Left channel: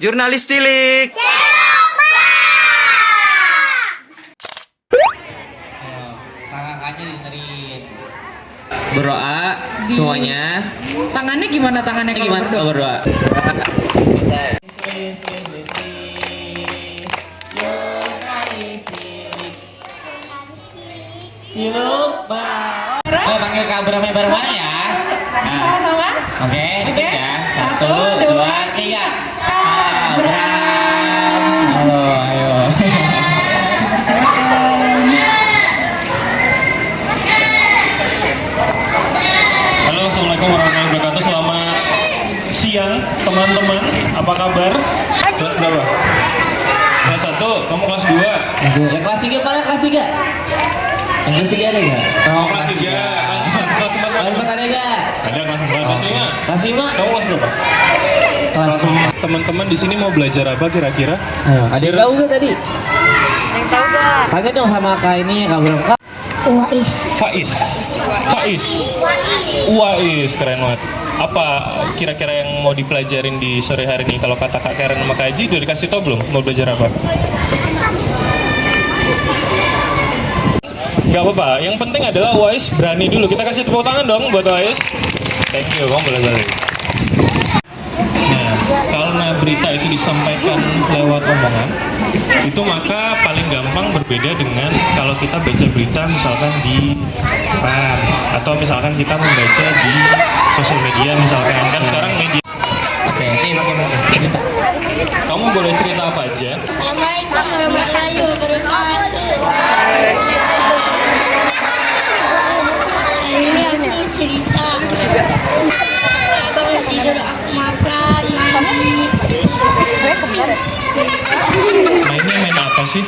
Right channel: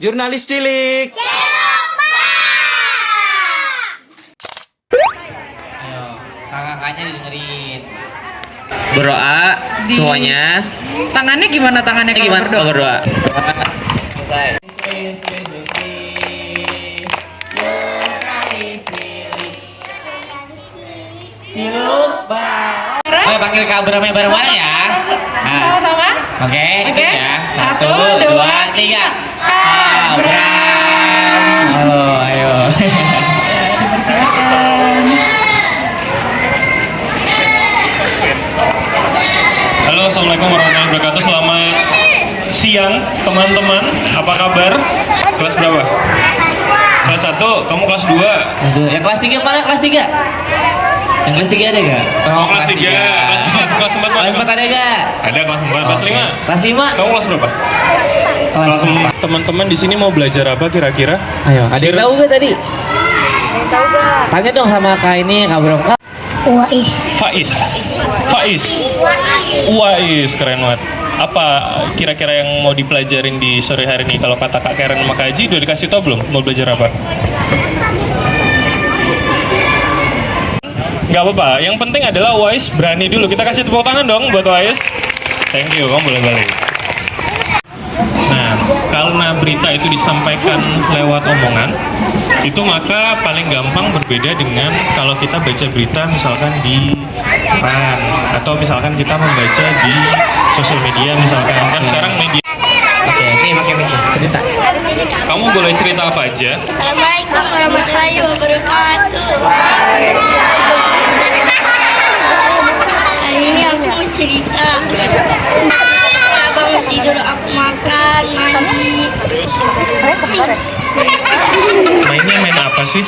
Jurnalis cilik. Ayo, kakak-kakaknya dengerin. Berdoa semuanya. Tangannya gimana tangannya kalau Gimana berdoa? kalau berdoa? Ayo panggil Kak Abramnya bareng-bareng ya. Sama-sama. Oke, Oke. ya. Satu, 1, 2, 3. Abram. Halo, ayo. Halo, assalamualaikum warahmatullahi wabarakatuh. Selamat siang teman-teman. Apa kabar? Kelas berapa? Kelas 1, kamu kelas 2. Yang kelas 3 mana? Kelas 3? Yang kelas 3 ada gak? Oh, kelas 3. Kelas 4 Kelas 4 ada gak? Ada kelas 4, kelas 5. Kelas 5? Kamu kelas berapa? Kelas 4. Teman-teman di sini mau belajar apa kira-kira? Ayo, ada yang tahu gak tadi? Tanya dong sama Kak ini, Kak Bro. Kak. Faiz. Uwais, keren banget. Apa kira-kira yang mau dipelajarin di sore hari ini? Kalau kata Kak Karen sama Kak Haji, udah dikasih tau belum? Mau belajar apa? Gak apa-apa, yang penting adalah Wais berani dulu. Kita kasih tepuk tangan dong buat Wais. Thank you, kamu boleh balik. Nah, karena berita itu disampaikan lewat omongan, itu maka paling gampang berbeda dengan kalau kita baca berita misalkan di koran atau misalkan kita membaca di sosial media misalkan. Kan sekarang media. Oke, ini pakai mic cerita. Kamu boleh cerita apa aja? Assalamualaikum warahmatullahi wabarakatuh. Hari ini aku mau cerita. Bangun tidur aku makan, mandi. Mainnya main apa sih?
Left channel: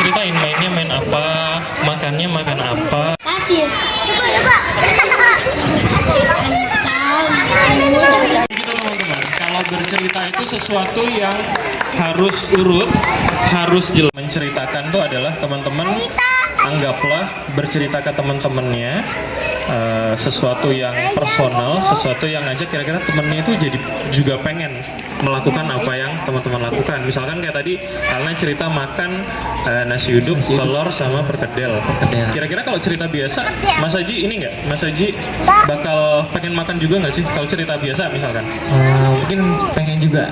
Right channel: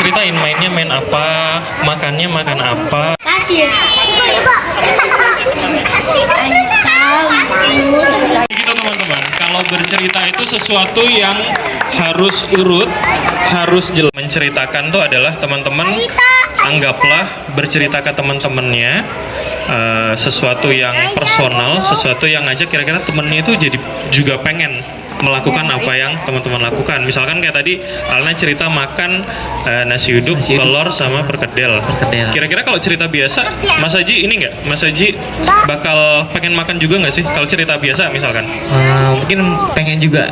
Ceritain mainnya main apa, makannya makan apa. Pasir. Gitu teman-teman, kalau bercerita itu sesuatu yang harus urut, harus jelas. Menceritakan tuh adalah teman-teman anggaplah bercerita ke teman-temannya sesuatu yang personal, sesuatu yang aja kira-kira temennya itu jadi juga pengen melakukan apa yang teman-teman lakukan. Misalkan kayak tadi Alna cerita makan nasi uduk, telur sama perkedel. Kira-kira kalau cerita biasa, Mas Haji ini nggak? Mas Haji bakal pengen makan juga nggak sih? Kalau cerita biasa misalkan? Mungkin pengen juga.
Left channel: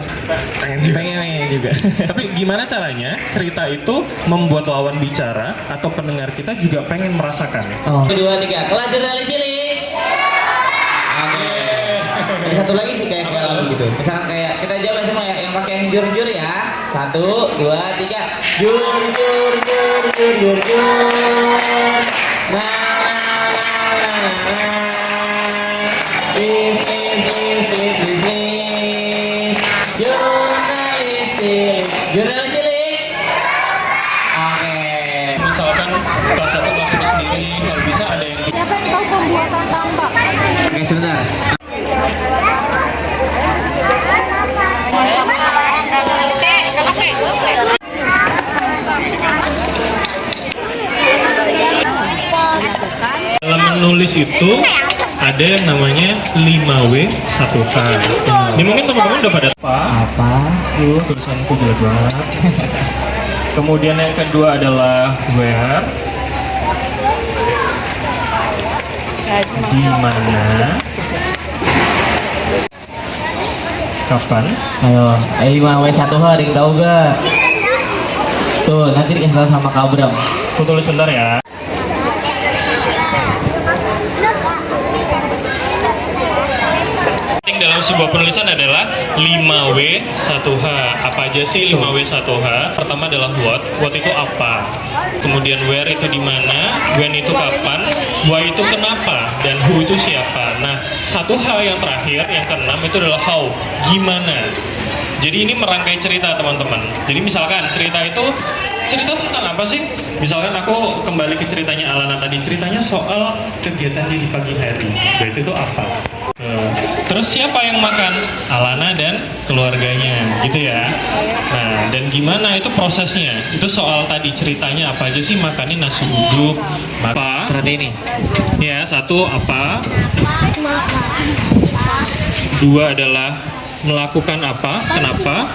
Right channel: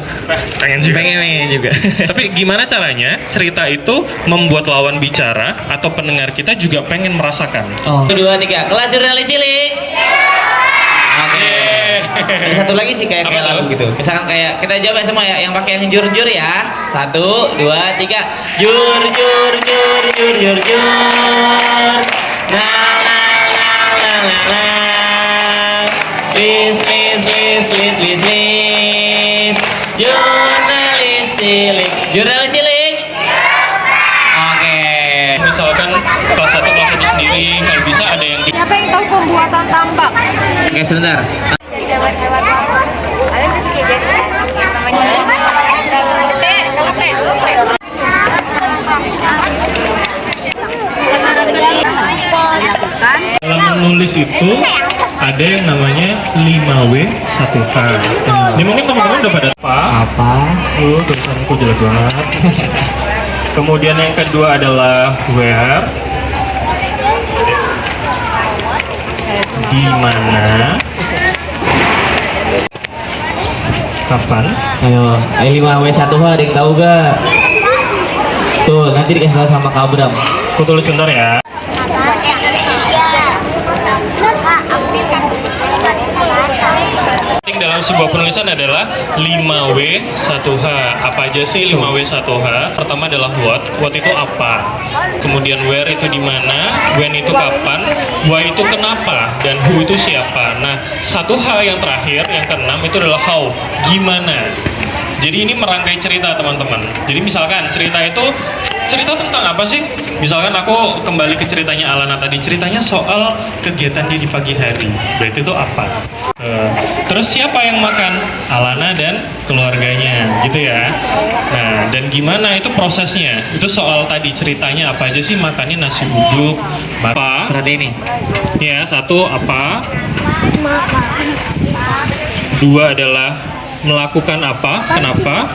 Pengen juga. Pengen juga. Tapi gimana caranya cerita itu membuat lawan bicara atau pendengar kita juga pengen merasakan? Oh. 1, 2, 3. Kelas jurnalis cilik. Oke. Ada satu lagi sih kayak Apa tuh? lagu gitu. Misalkan kayak kita jawab semua ya, yang pakai yang jur-jur ya. 1, 2, 3. Jur jur jur jur jur jur. Nah nah nah nah nah nah. Lis lis lis lis lis lis. Jurnalis cilik. Jurnalis cilik. Oke. Misalkan kelas 1 kelas 1 sendiri, kalau bisa ada yang Siapa yang tahu pembuatan tambak? Oke, sebentar. dalam menulis itu ada yang namanya 5W 1H. Ini mungkin teman-teman udah pada apa? Tulisanku jelek banget. Kemudian yang kedua adalah where, di mana, kapan. Ayo, 5W1H ada yang tahu gak? Tuh, nanti dikasih tahu sama Kak Abram. Aku tulis bentar ya. Dalam sebuah penulisan adalah 5W1H. Apa aja sih 5W1H? Pertama adalah what itu apa? Kemudian where itu di mana? When itu kapan? Why itu kenapa? Dan who itu siapa? Nah, 1H yang terakhir, yang keenam itu adalah how, gimana. Jadi ini merangkai cerita teman-teman. Jadi misalkan cerita itu cerita tentang apa sih? Misalkan aku kembali ke ceritanya Alana tadi, ceritanya soal kegiatan dia di pagi hari. Berarti itu apa? Terus siapa yang makan? Alana dan keluarganya, gitu ya. Nah, dan gimana itu prosesnya? Itu soal tadi ceritanya apa aja sih? Makannya nasi uduk, apa? Seperti ini. Ya, 1 apa? 2 adalah melakukan apa, kenapa,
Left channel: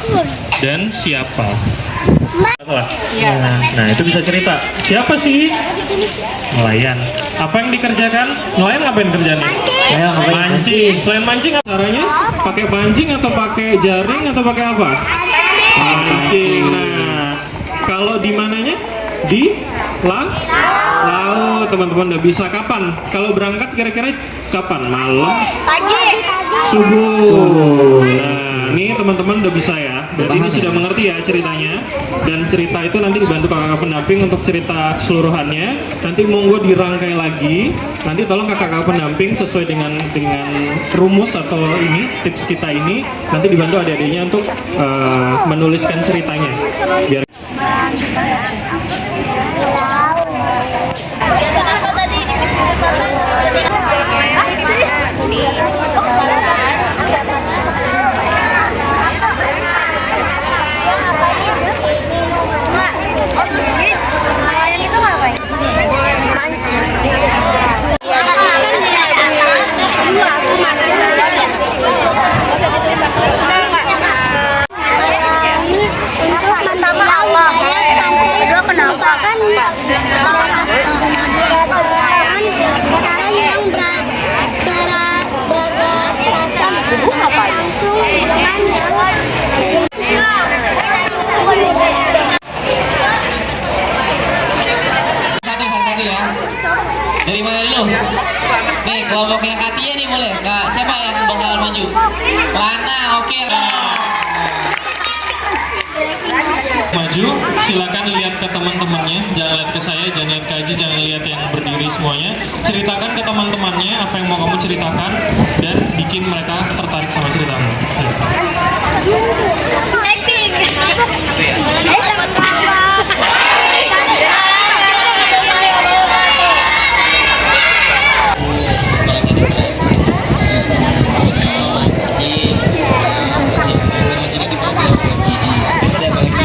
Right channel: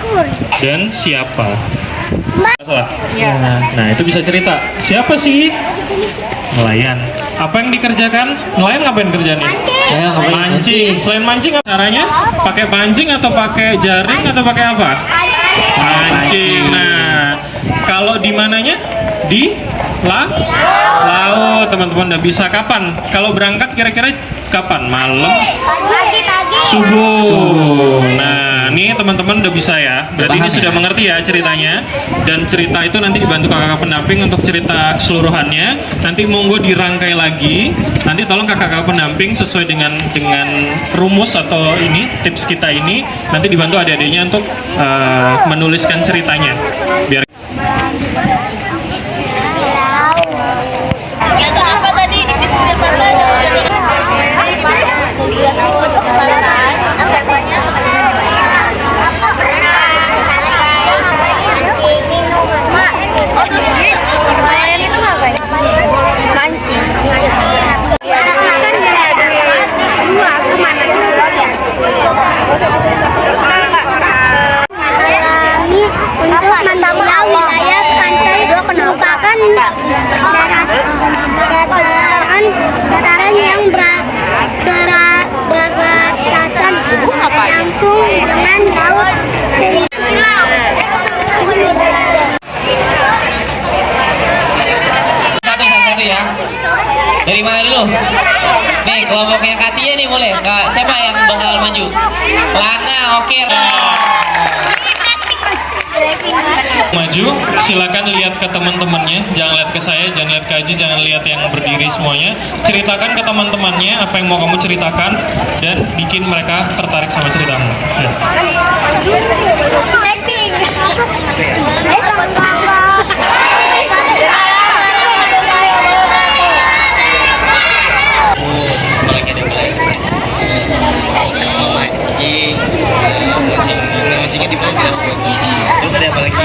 dan siapa. Nah, itu bisa cerita. Siapa sih? Nelayan. Apa yang dikerjakan? Nelayan ngapain kerjanya? Mancing. Selain mancing, apa caranya? Pakai pancing atau pakai jaring atau pakai apa? Pancing. Nah, kalau di mananya? Di laut. Teman-teman udah bisa. Kapan? Kalau berangkat kira-kira kapan? Malam? Subuh. Nah, ini teman-teman udah bisa ya. Berarti ini sudah mengerti ya ceritanya. Dan cerita itu nanti dibantu kakak pendamping untuk cerita keseluruhannya. Nanti monggo dirangkai lagi. Nanti tolong kakak pendamping sesuai dengan rumus atau ini tips kita ini. Nanti dibantu adik-adiknya untuk menuliskan ceritanya. Biar Apa tadi di pesisir pantai? Nelayan itu ngapain? Mancing. Dua kemana? Alami untuk menambah wilayah pantai merupakan dataran yang berbatasan langsung dengan laut. Satu ya. Dari mana dulu? Nih, kelompoknya Katia nih boleh. Kak, siapa yang bakal maju? Lana, oke. maju, silakan lihat ke teman-temannya, jangan lihat ke saya, jangan lihat ke Aji, jangan lihat yang berdiri semuanya. Ceritakan ke teman-temannya apa yang mau kamu ceritakan dan bikin mereka tertarik sama ceritamu. Acting. Terus ada apa lagi?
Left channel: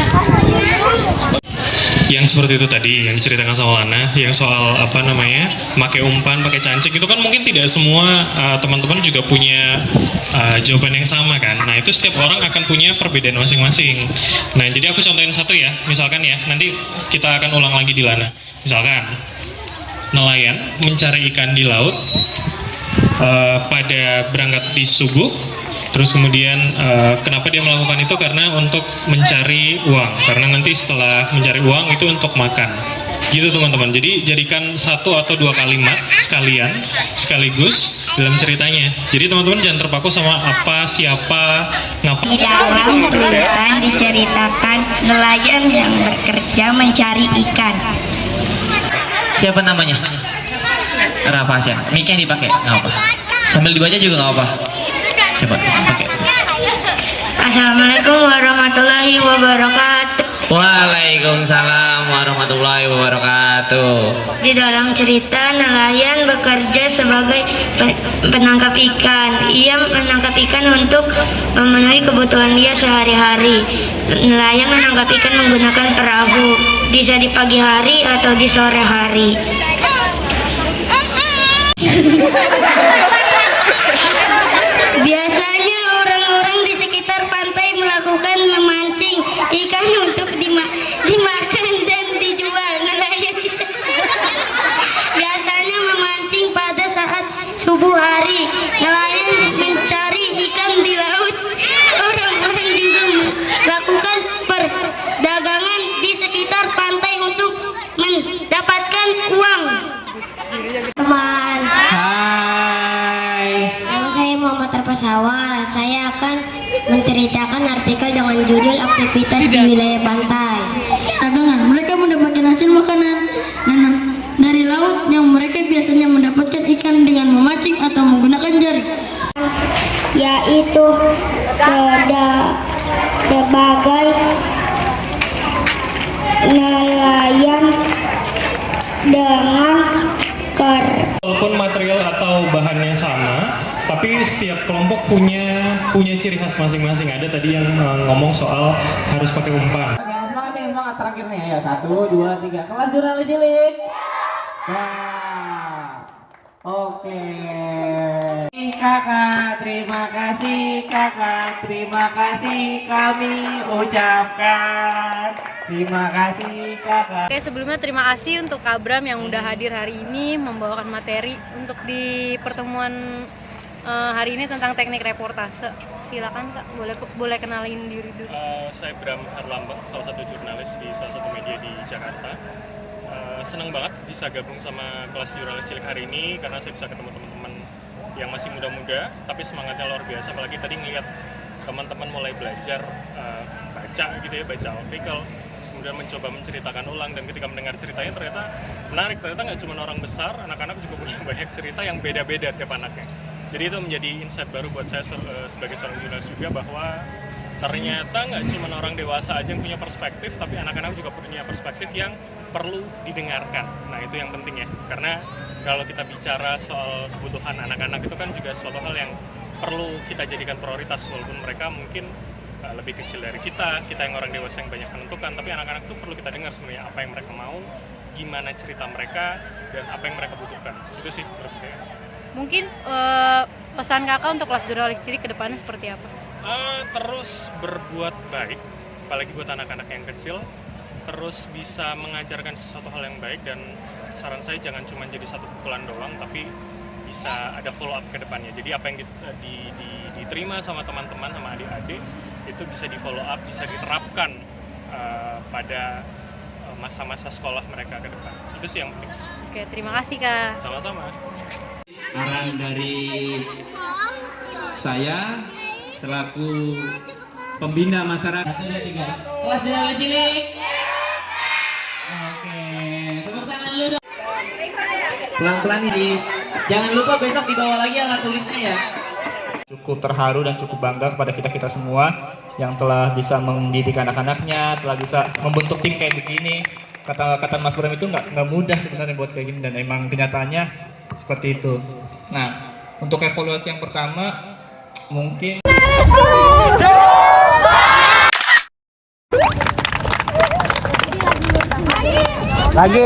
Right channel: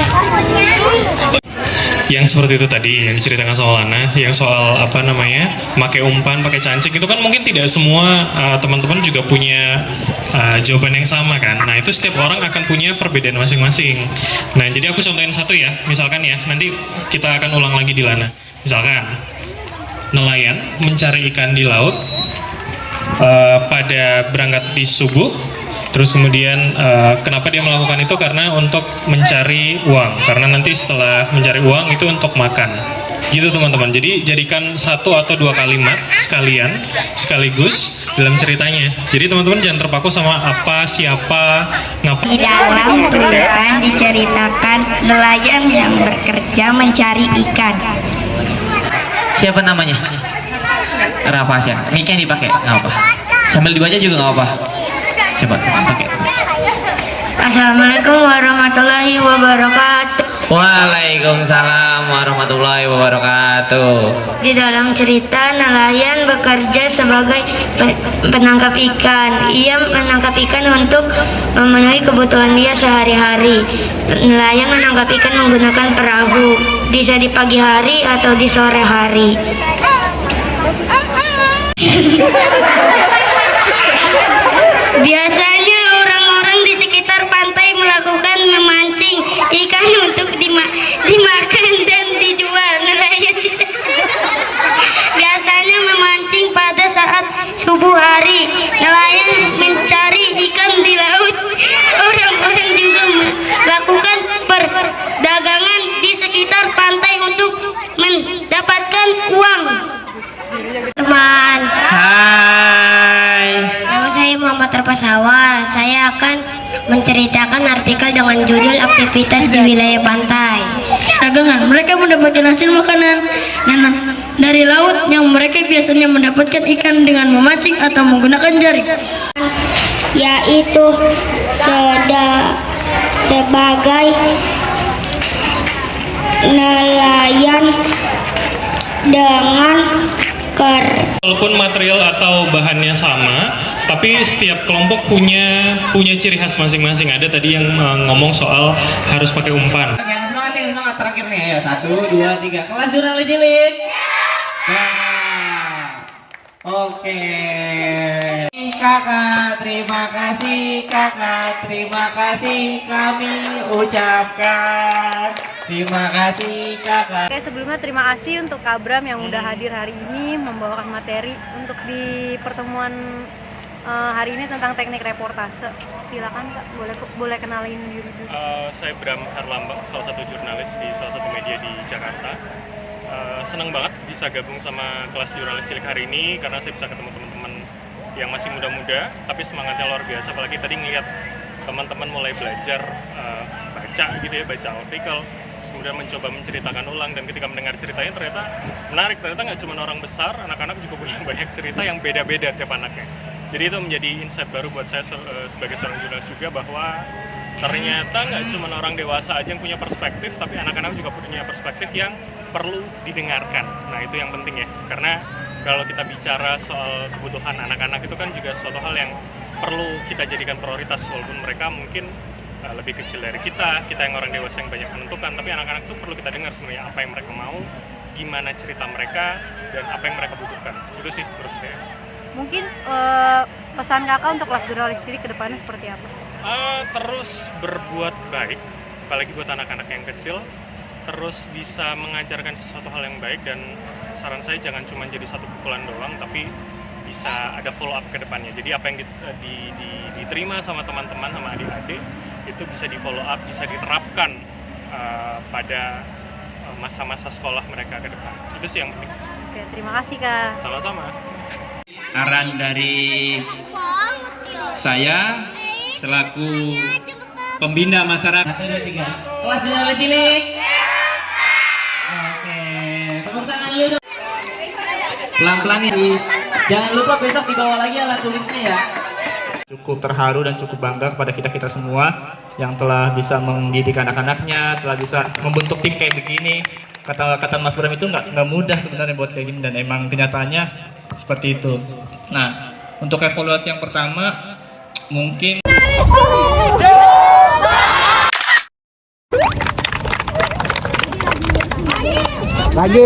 Yang seperti itu tadi yang diceritakan soal Lana, yang soal apa namanya, pakai umpan, pakai cancing, itu kan mungkin tidak semua teman-teman juga punya jawaban yang sama kan. Nah itu setiap orang akan punya perbedaan masing-masing. Nah jadi aku contohin satu ya, misalkan ya, nanti kita akan ulang lagi di Lana. Misalkan nelayan mencari ikan di laut pada berangkat di subuh. Terus kemudian kenapa dia melakukan itu? Karena untuk mencari uang. Karena nanti setelah mencari uang itu untuk makan. Gitu teman-teman. Jadi jadikan satu atau dua kalimat sekaligus dalam ceritanya. Jadi teman-teman jangan terpaku sama apa, siapa, ngapain. Di dalam tulisan diceritakan nelayan yang bekerja mencari ikan. Siapa namanya? Rafasya. Ini kan dipakai, nggak apa. Sambil dibaca juga nggak apa. Coba. Assalamualaikum warahmatullahi wabarakatuh. Waalaikumsalam warahmatullahi wabarakatuh. Di dalam cerita nelayan bekerja sebagai penangkap ikan. Ia menangkap ikan untuk memenuhi kebutuhan dia sehari-hari. Nelayan menangkap ikan menggunakan perahu. Bisa di pagi hari atau di sore hari. Biasanya orang-orang di sekitar pantai melakukan memancing ikan untuk dimakan dan dijual. Nelayan biasanya memancing pada saat subuh hari. Nelayan mencari ikan di laut. Orang-orang juga melakukan perdagangan di sekitar pantai untuk mendapatkan uang. Teman. Hai. Nama saya Muhammad Terpasawa. Saya akan menceritakan artikel dengan judul aktivitas di wilayah pantai. Dagangan, mereka mendapatkan hasil makanan dari laut yang mereka biasanya mendapatkan ikan dengan memancing atau menggunakan jaring. Yaitu sebagai nelayan dengan Walaupun material atau bahannya sama, tapi setiap kelompok punya ciri khas masing-masing. Ada tadi yang ngomong soal harus pakai umpan. Yang semangat terakhir nih. Ayo 1, 2, 3. Kelas jurnalis cilik. Nah. Oke. kakak, terima kasih kakak, terima kasih kami ucapkan. Terima kasih kakak. Oke, sebelumnya terima kasih untuk Kak Bram yang udah hadir hari ini membawakan materi untuk di pertemuan hari ini tentang teknik reportase. Silakan Kak, boleh kenalin diri dulu. Saya Bram Herlambang, salah satu jurnalis di salah satu media di Jakarta. Senang banget bisa gabung sama kelas jurnalis cilik hari ini karena saya bisa ketemu teman-teman yang masih muda-muda tapi semangatnya luar biasa. Apalagi tadi ngeliat teman-teman mulai belajar baca gitu ya, baca artikel, kemudian mencoba menceritakan ulang, dan ketika mendengar ceritanya ternyata menarik. Ternyata nggak cuma orang besar, anak-anak juga punya banyak cerita yang beda-beda tiap anaknya. Jadi itu menjadi insight baru buat saya sebagai seorang jurnalis juga, bahwa ternyata nggak cuma orang dewasa aja yang punya perspektif, tapi anak-anak juga punya perspektif yang perlu didengarkan. Nah itu yang penting ya, karena kalau kita bicara soal kebutuhan anak-anak itu kan juga suatu hal yang perlu kita jadikan prioritas, walaupun mereka mungkin lebih kecil dari kita yang orang dewasa yang banyak menentukan, tapi anak-anak itu perlu kita dengar sebenarnya apa yang mereka mau, gimana cerita mereka, dan apa yang mereka butuhkan. Itu sih menurut saya. Mungkin pesan kakak untuk kelas jurnalis cilik ke depannya seperti apa? Terus berbuat baik, apalagi buat anak-anak yang kecil, terus bisa mengajarkan sesuatu hal yang baik, dan saran saya jangan cuma jadi satu pukulan doang, tapi bisa ada follow up ke depannya. Jadi apa yang diterima sama teman-teman, sama adik-adik, itu bisa di follow up, bisa diterapkan pada masa-masa sekolah mereka ke depan. Itu sih yang penting. Oke, terima kasih Kak. Sama-sama. Arahan dari saya selaku pembina masyarakat. 1, 2, 3. Kelas jurnalis cilik. Oke, tepuk tangan dulu dong. Pelan-pelan ini. Jangan lupa besok dibawa lagi alat tulisnya ya. Cukup terharu dan cukup bangga kepada kita semua yang telah bisa mendidik anak-anaknya, telah bisa membentuk tim kayak begini. Kata Mas Bram itu nggak mudah sebenarnya buat kayak gini, dan emang kenyataannya seperti itu. Nah, untuk evaluasi yang pertama mungkin lagi